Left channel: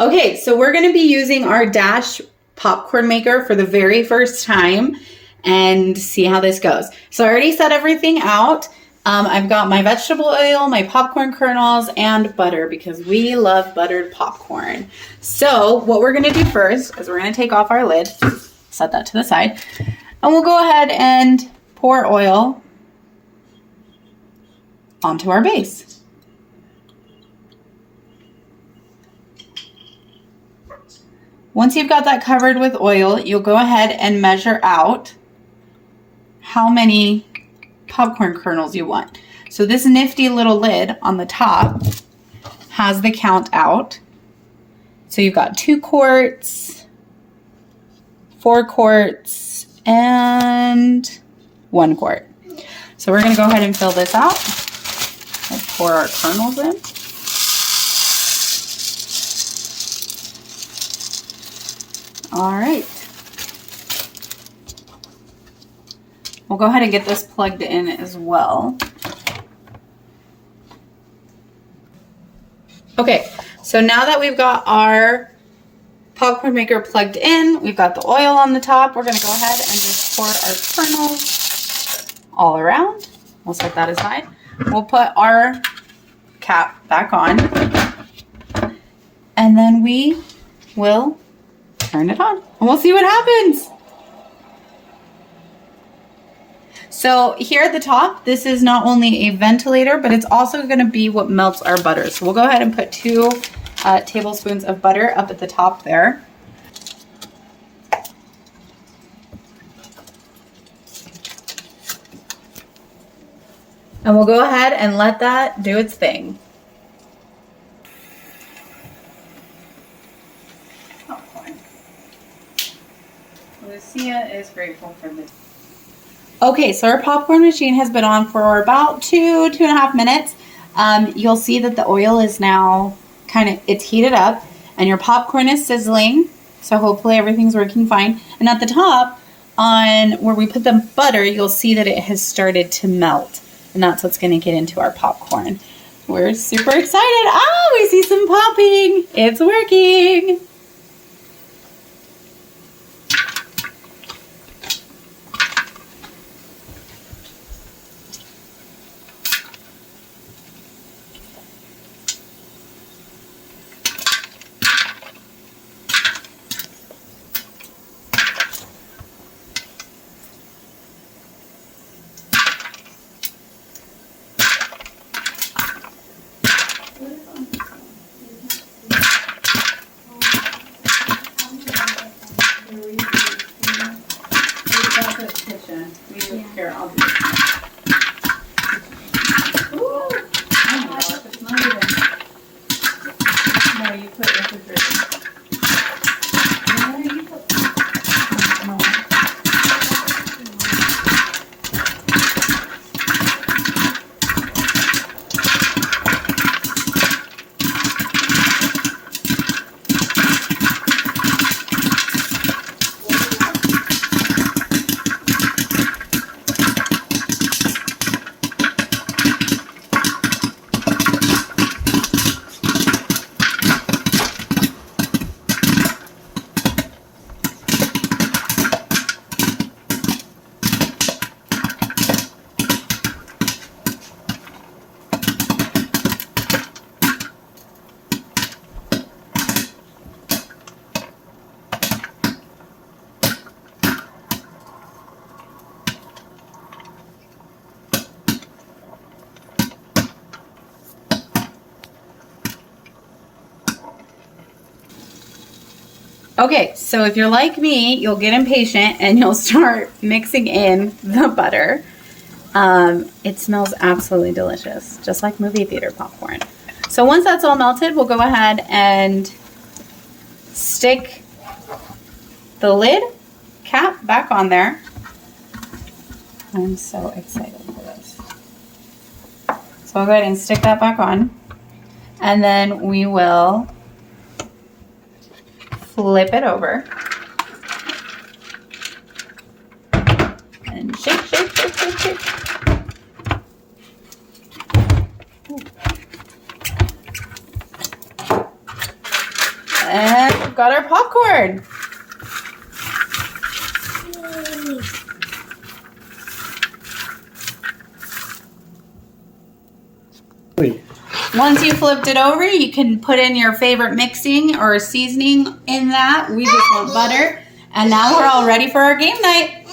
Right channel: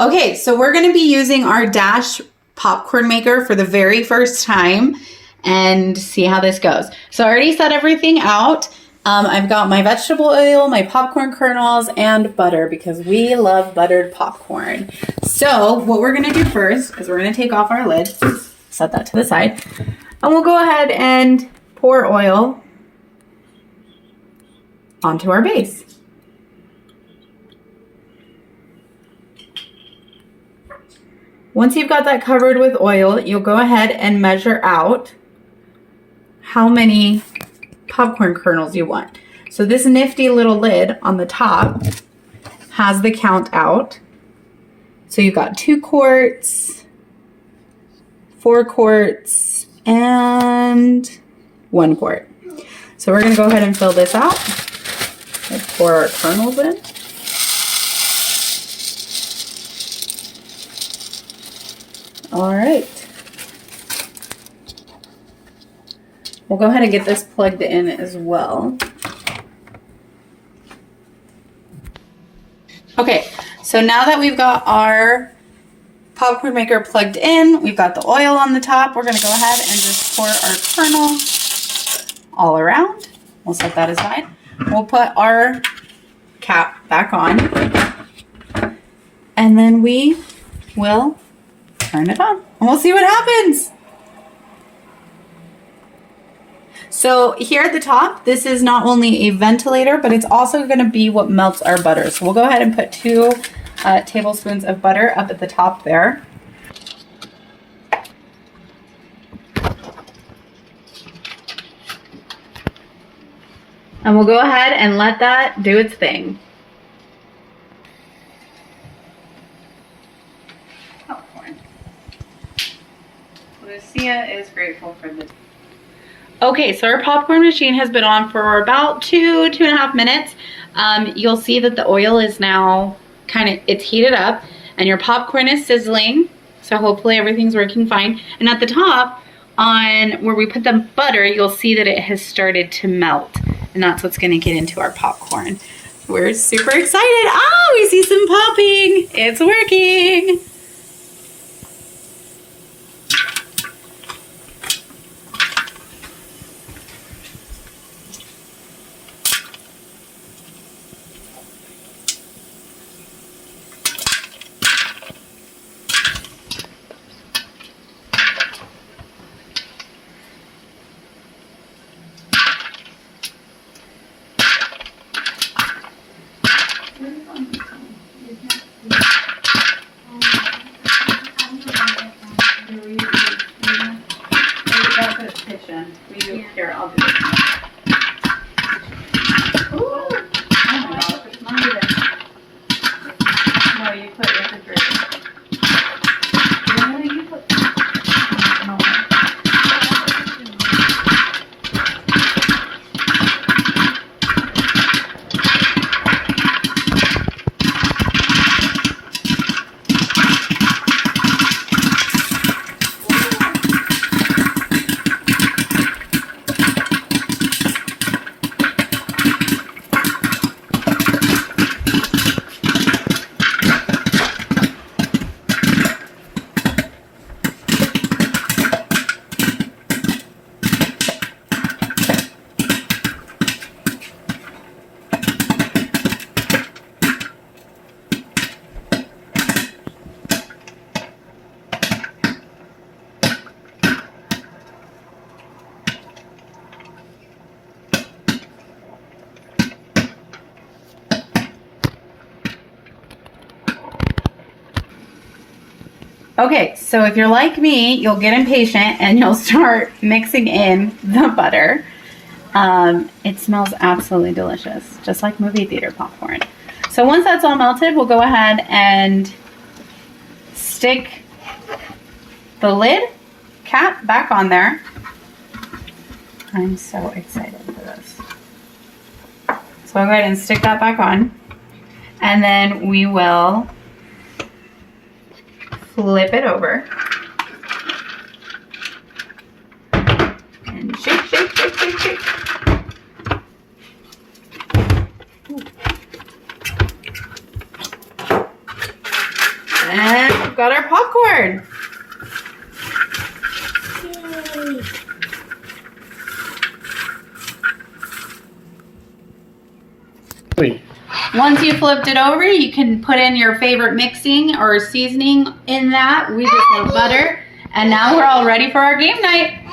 Okay, so we're going to be using our Dash popcorn maker for the very first time and see how this goes. So I already set everything out. I've got my vegetable oil, my popcorn kernels, and butter because we love buttered popcorn. So what we're going to do first is we're going to take off our lid, set that to the side, and we'll go ahead and pour oil onto our base. Once you've got that covered with oil, you'll go ahead and measure out how many popcorn kernels you want. So this nifty little lid on the top has the count out. So you've got 2 quarts, 4 quarts, and 1 quart. So we're going to go ahead and fill this out. Let's pour our kernels in. All right. We'll go ahead and get this plugged in as well. Okay, so now that we've got our popcorn maker plugged in, we've got the oil on the top, we're gonna go ahead and just pour our kernels all around. We'll set that aside. We'll put our cap back on, and then we will turn it on, and we'll see what happens. So here at the top, this is not only a ventilator, but it's also going to be what melts our butter. So we'll go ahead and put 2 tablespoons of butter up at the top there. And we'll go ahead and let that do its thing. Lucia is grateful for this. Okay, so our popcorn machine has been on for about 2.5 minutes. You'll see that the oil is now it's heated up and your popcorn is sizzling. So hopefully everything's working fine. And at the top, on where we put the butter, you'll see that it has started to melt. And that's what's gonna get into our popcorn. We're super excited. Oh, we see some popping. It's working. Here, I'll do it. Ooh. Oh my gosh, it's not even. No, you put refrigerator. No, you put. No. Okay, so if you're like me, you'll get impatient and you'll start mixing in the butter. It smells absolutely delicious, just like movie theater popcorn. So once that's all melted, we'll go ahead and stick the lid cap back on there. I'm so excited for this. So I'll go ahead and stick that back on, and then we will flip it over and shake, shake, shake, shake, shake. got our popcorn. Once you flipped it over, you can put in your favorite mixing or seasoning in that. We just want butter. And now we're all ready for our game night.